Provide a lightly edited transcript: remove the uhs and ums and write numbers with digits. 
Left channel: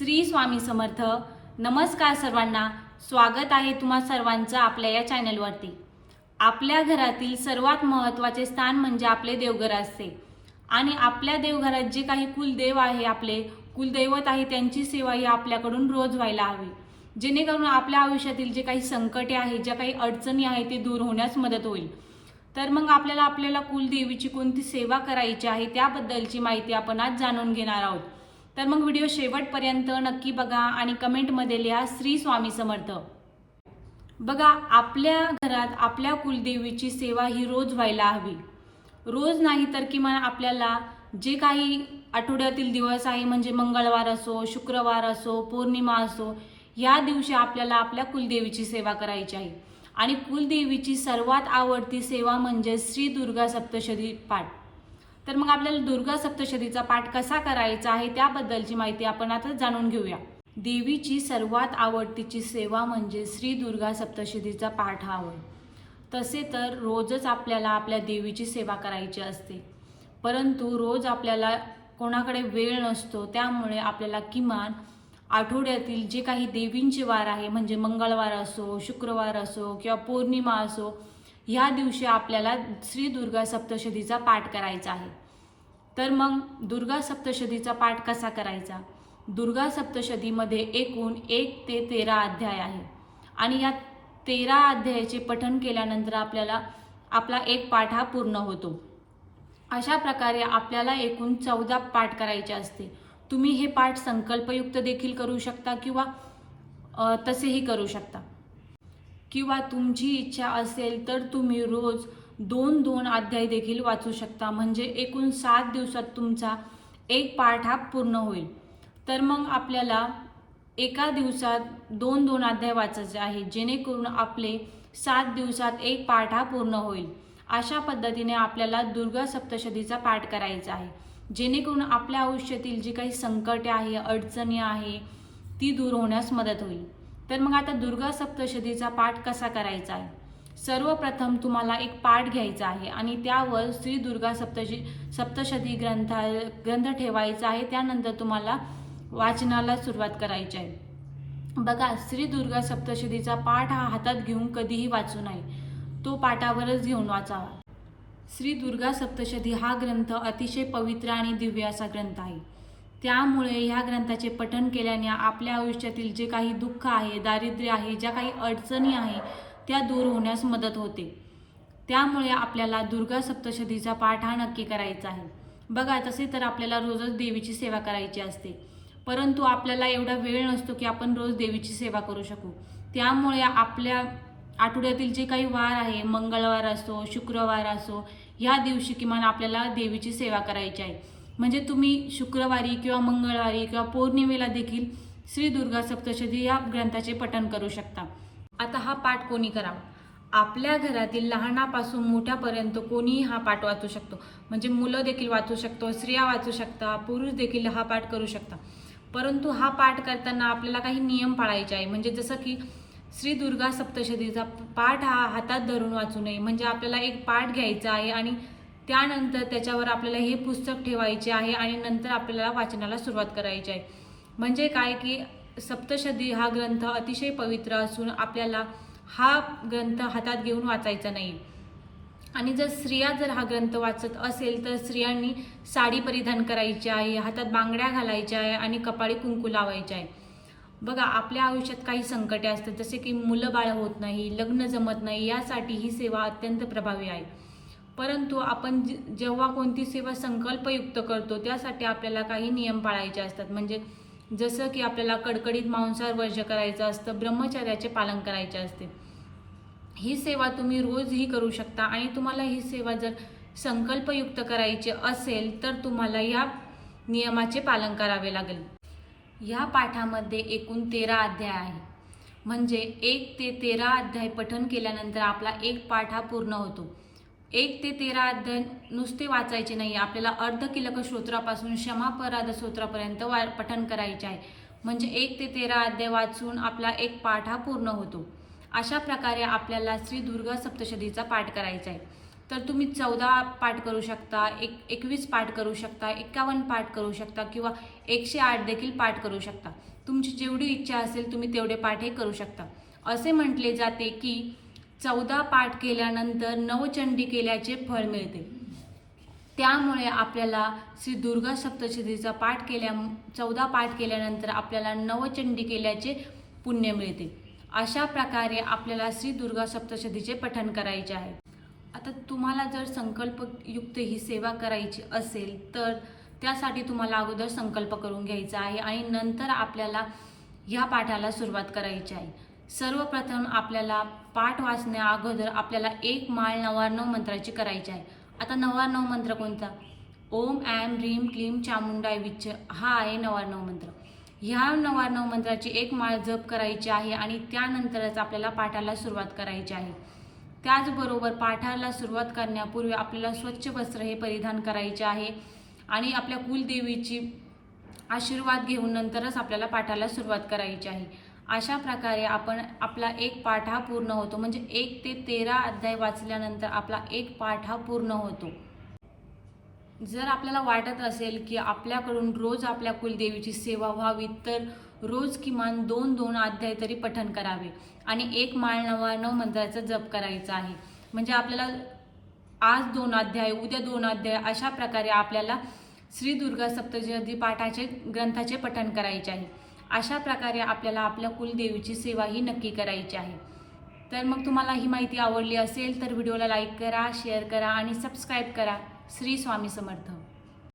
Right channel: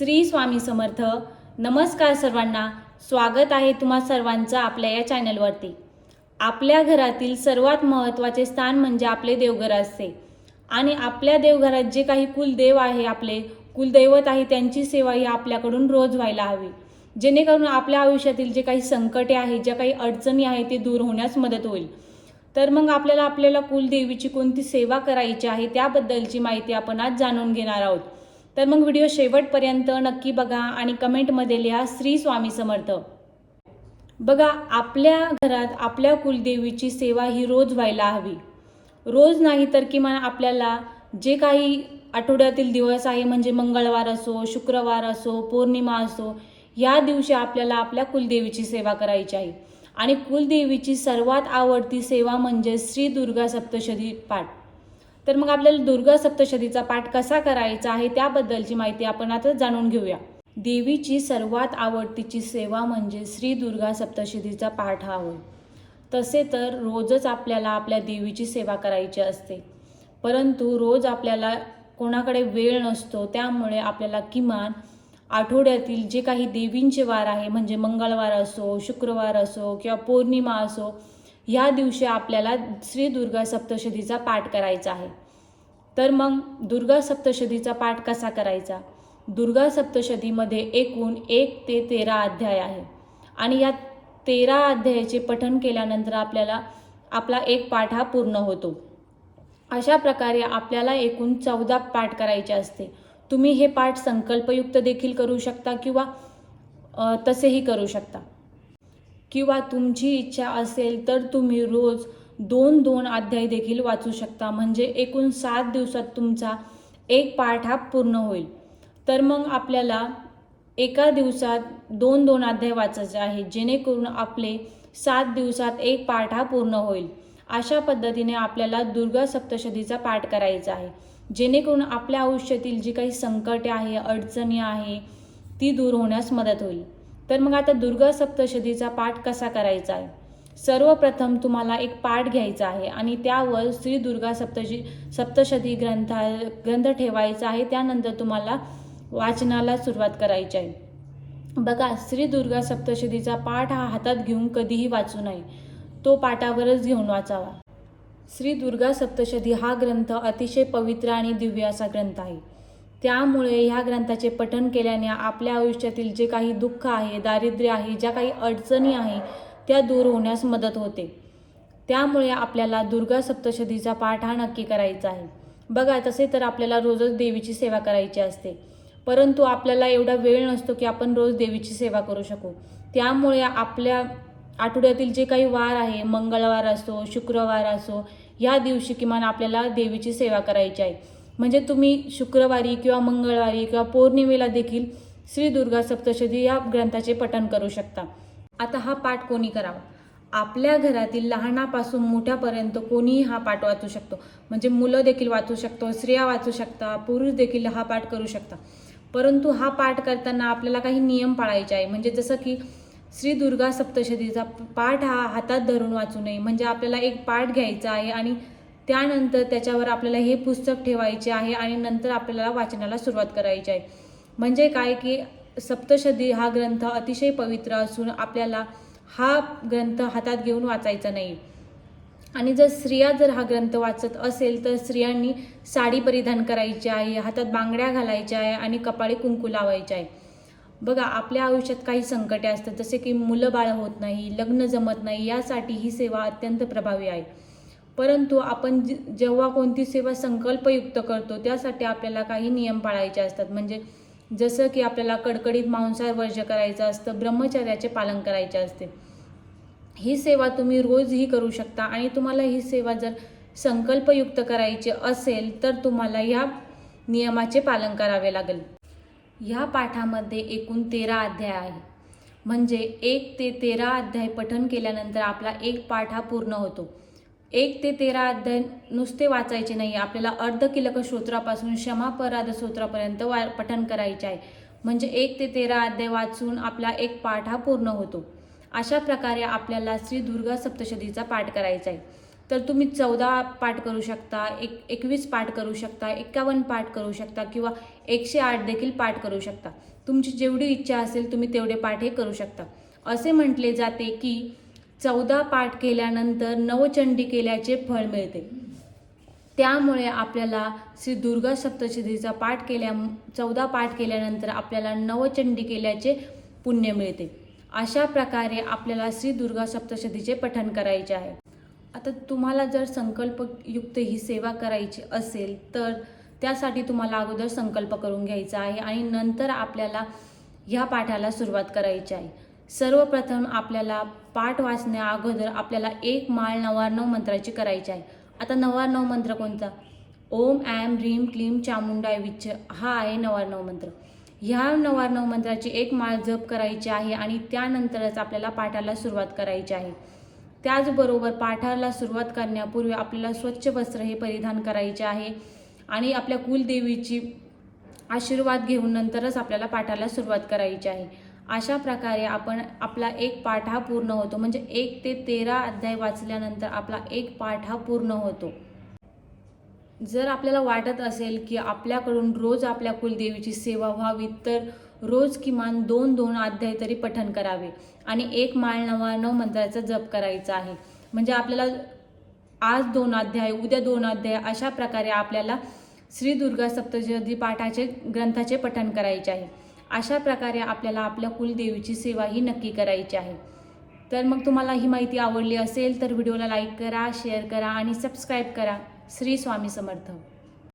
श्री स्वामी समर्थ. नमस्कार सर्वांना. स्वागत आहे तुम्हा सर्वांचं आपल्या या चॅनलवरती. आपल्या घरातील सर्वात महत्त्वाचे स्थान म्हणजे आपले देवघर असते आणि आपल्या देवघरात जे काही कुलदेव आहे, आपले कुलदैवत आहे, त्यांची सेवा ही आपल्याकडून रोज व्हायला हवी, जेणेकरून आपल्या आयुष्यातील जे काही संकटे आहे, ज्या काही अडचणी आहे ते दूर होण्यास मदत होईल. तर मग आपल्याला कुलदेवीची कोणती सेवा करायची आहे त्याबद्दलची माहिती आपण आज जाणून घेणार आहोत. तर मग व्हिडिओ शेवटपर्यंत नक्की बघा आणि कमेंटमध्ये लिहा श्री स्वामी समर्थ. बघा, आपल्या घरात आपल्या कुलदेवीची सेवा ही रोज व्हायला हवी. रोज नाही तर किमान आपल्याला जे काही आठवड्यातील दिवस आहे, म्हणजे मंगळवार असो, शुक्रवार असो, पौर्णिमा असो, या दिवशी आपल्याला आपल्या कुलदेवीची सेवा करायची आहे. आणि कुलदेवीची सर्वात आवडती सेवा म्हणजे श्री दुर्गा सप्तशती पाठ. तर मग आपल्याला दुर्गा सप्तशतीचा पाठ कसा करायचा आहे त्याबद्दलची माहिती आपण आता जाणून घेऊया. देवीची सर्वात आवडतीची सेवा म्हणजे श्री दुर्गा सप्तशतीचा पाठ हा होय. तसे तर रोजच आपल्याला आपल्या देवीची सेवा करायची असते, परंतु रोज आपल्याला कोणाकडे वेळ नसतो. त्यामुळे आपल्याला किमान आठवड्यातील जे काही देवींचे वार आहे, म्हणजे मंगळवार असो, शुक्रवार असो किंवा पौर्णिमा असो, या दिवशी आपल्याला श्री दुर्गा सप्तशतीचा पाठ करायचा आहे. तर मग दुर्गा सप्तशतीचा पाठ कसा करायचा? दुर्गा सप्तशतीमध्ये एकूण 1 ते 13 अध्याय आहे आणि या 13 अध्यायाचे पठण केल्यानंतर आपला एक पाठ हा पूर्ण होतो. अशा प्रकारे आपल्याला एकूण 14 पाठ करायचे असते. तुम्ही हे पाठ संकल्पयुक्त देखील करू शकता किंवा तसेही करू शकता, किंवा तुमची इच्छा असेल तर तुम्ही रोज 2-2 अध्याय देखील वाचू शकता. म्हणजे एकूण 7 दिवसात तुमचा एक पाठ हा पूर्ण होईल. तर मग आपल्याला एका दिवसात 2-2 अध्याय वाचायचे आहे, जेणेकरून आपले 7 दिवसात एक पाठ हा पूर्ण होईल. अशा पद्धतीने आपल्याला दुर्गा सप्तशतीचा पाठ करायचा आहे, जेणेकरून आपल्या आयुष्यातील जी काही संकटे आहे, अडचणी आहे, ती दूर होण्यास मदत होईल. तर मग आता दुर्गा सप्तशतीचा पाठ कसा करायचा आहे? सर्वप्रथम तुम्हाला एक पाठ घ्यायचा आहे आणि त्यावर श्री दुर्गा सप्तशती ग्रंथ ठेवायचा आहे. त्यानंतर तुम्हाला वाचनाला सुरुवात करायची आहे. बघा, श्री दुर्गा सप्तशतीचा पाठ हा हातात घेऊन कधीही वाचू नये, तो पाठावरच घेऊन वाचावा. श्री दुर्गा सप्तशती हा ग्रंथ अतिशय पवित्र आणि दिव्य असा ग्रंथ आहे. त्यामुळे ह्या ग्रंथाचे पठण केल्याने आपल्या आयुष्यातील जे काही दुःख आहे, दारिद्र्य आहे, ज्या काही अडचणी आहे, त्या दूर होण्यास मदत होते. त्यामुळे आपल्याला दुर्गा सप्तशतीचा पाठ हा नक्की करायचा आहे. बघा, तसे तर आपल्याला रोजच देवीची सेवा करायची असते, परंतु आपल्याला एवढा वेळ नसतो की आपण रोज देवीची सेवा करू शकू. त्यामुळे आपल्या आठवड्यातील जे काही वार आहे, मंगळवार असो, शुक्रवार असो, या दिवशी किमान आपल्याला देवीची सेवा करायची आहे. म्हणजे तुम्ही शुक्रवारी किंवा मंगळवारी किंवा पौर्णिमेला देखील श्री दुर्गा सप्तशती या ग्रंथाचे पठण करू शकता. आता हा पाठ कोणी करावा? आपल्या घरातील लहानापासून मोठ्यापर्यंत कोणीही हा पाठ वाचू शकतो. म्हणजे मुलं देखील वाचू शकतो, स्त्रिया वाचू शकता, पुरुष देखील हा पाठ करू शकता. परंतु हा पाठ करताना आपल्याला काही नियम पाळायचे आहे. म्हणजे जसं की श्री दुर्गा सप्तशतीचा पाठ हा हातात धरून वाचू नये. म्हणजे आपल्याला एक पाठ घ्यायचा आहे आणि त्यानंतर त्याच्यावर आपल्याला हे पुस्तक ठेवायचे आहे आणि नंतर आपल्याला वाचनाला सुरुवात करायची आहे. म्हणजे काय की सप्तशती हा ग्रंथ अतिशय पवित्र असून आपल्याला हा ग्रंथ हातात घेऊन वाचायचा नाही. आणि जर स्त्रिया हा ग्रंथ वाचत असेल तर स्त्रियांनी साडी परिधान करायची आहे, हातात बांगड्या घालायच्या आहे आणि कपाळी कुंकू लावायचे आहे. बघा, आपल्या आयुष्यात काही संकटे असतात, जसे की मुलं बाळ होत नाही, लग्न जमत नाही, यासाठी ही सेवा अत्यंत प्रभावी आहे. परंतु आपण जेव्हा कोणती सेवा संकल्पयुक्त करतो त्यासाठी आपल्याला काही नियम पाळायचे असतात. म्हणजे जसं की आपल्याला कडकडीत मांसाहार वर्ज्य करायचं असतं, ब्रह्मचर्याचे पालन करायचे असते. ही सेवा तुम्ही रोजही करू शकता आणि तुम्हाला ही सेवा जर संकल्पयुक्त करायची असेल तर तुम्हाला या नियमाचे पालन करावे लागेल. ह्या पाठामध्ये एकूण 13 अध्याय आहे. म्हणजे 1 ते 13 अध्याय पठण केल्यानंतर आपला एक पाठ हा पूर्ण होतो. 1 ते 13 अध्याय नुसते वाचायचे नाही, आपल्याला अर्धकिलक स्तोत्रापासून क्षमापराध स्तोत्रापर्यंत पठण करायचे आहे. म्हणजे 1 ते 13 अध्याय वाचून आपला एक पाठ हा पूर्ण होतो. अशा प्रकारे आपल्याला श्री दुर्गा सप्तशतीचा पाठ करायचा आहे. तर तुम्ही 14 पाठ करू शकता, 21 पाठ करू शकता, 51 पाठ करू शकता किंवा 108 देखील पाठ करू शकता. तुमची जेवढी इच्छा असेल तुम्ही तेवढे पाठ हे करू शकता. असे म्हटले जाते की 14 पाठ केल्यानंतर नवचंडी केल्याचे फळ मिळते. त्यामुळे आपल्याला श्री दुर्गा सप्तशतीचा 14 पाठ केल्यानंतर आपल्याला नवचंडी केल्याचे पुण्य मिळते. अशा प्रकारे आपल्याला श्री दुर्गा सप्तशतीचे पठण करायचे आहे. आता तुम्हाला जर संकल्पयुक्त ही सेवा करायची असेल तर त्यासाठी तुम्हाला अगोदर संकल्प करून घ्यायचा आहे आणि नंतर आपल्याला ह्या पाठाला सुरुवात करायची आहे. सर्वप्रथम आपल्याला पाठ वाचण्या अगोदर आपल्याला एक माळ 99 मंत्राची करायची आहे. आता 99 मंत्र कोणता? ओम ऐं ह्रीं क्लीं चामुंडाय विच्च हा आहे 99 मंत्र. ह्या 99 मंत्राची एक माळ जप करायची आहे आणि त्यानंतरच आपल्याला पाठाला सुरुवात करायची आहे. त्याचबरोबर पाठाला सुरुवात करण्यापूर्वी आपल्याला स्वच्छ वस्त्र हे परिधान करायचे आहे आणि आपल्या कुलदेवीची आशीर्वाद घेऊन नंतरच आपल्याला पाठाला सुरुवात करायची आहे. अशा प्रकारे आपला एक पाठ हा पूर्ण होतो. म्हणजे 1 ते 13 अध्याय वाचल्यानंतर आपला एक पाठ हा पूर्ण होतो. जर आपल्याला वाटत असेल की आपल्याकडून रोज आपल्या कुलदेवीची सेवा व्हावी तर रोज किमान 2-2 अध्याय तरी पठण करावे आणि एक माळ 99 मंत्राचा जप करायचा आहे. म्हणजे आपल्याला आज 2 अध्याय, उद्या 2 अध्याय अशा प्रकारे आपल्याला श्री दुर्गा सप्तशती पाठाचे ग्रंथाचे पठण करायचे आहे. अशा प्रकारे आपल्याला आपल्या कुलदेवीची सेवा ही नक्की करायची आहे. तर मग तुम्हाला ही माहिती आवडली असेल तर व्हिडिओला लाईक करा, शेअर करा आणि सबस्क्राईब करा. श्री स्वामी समर्थ.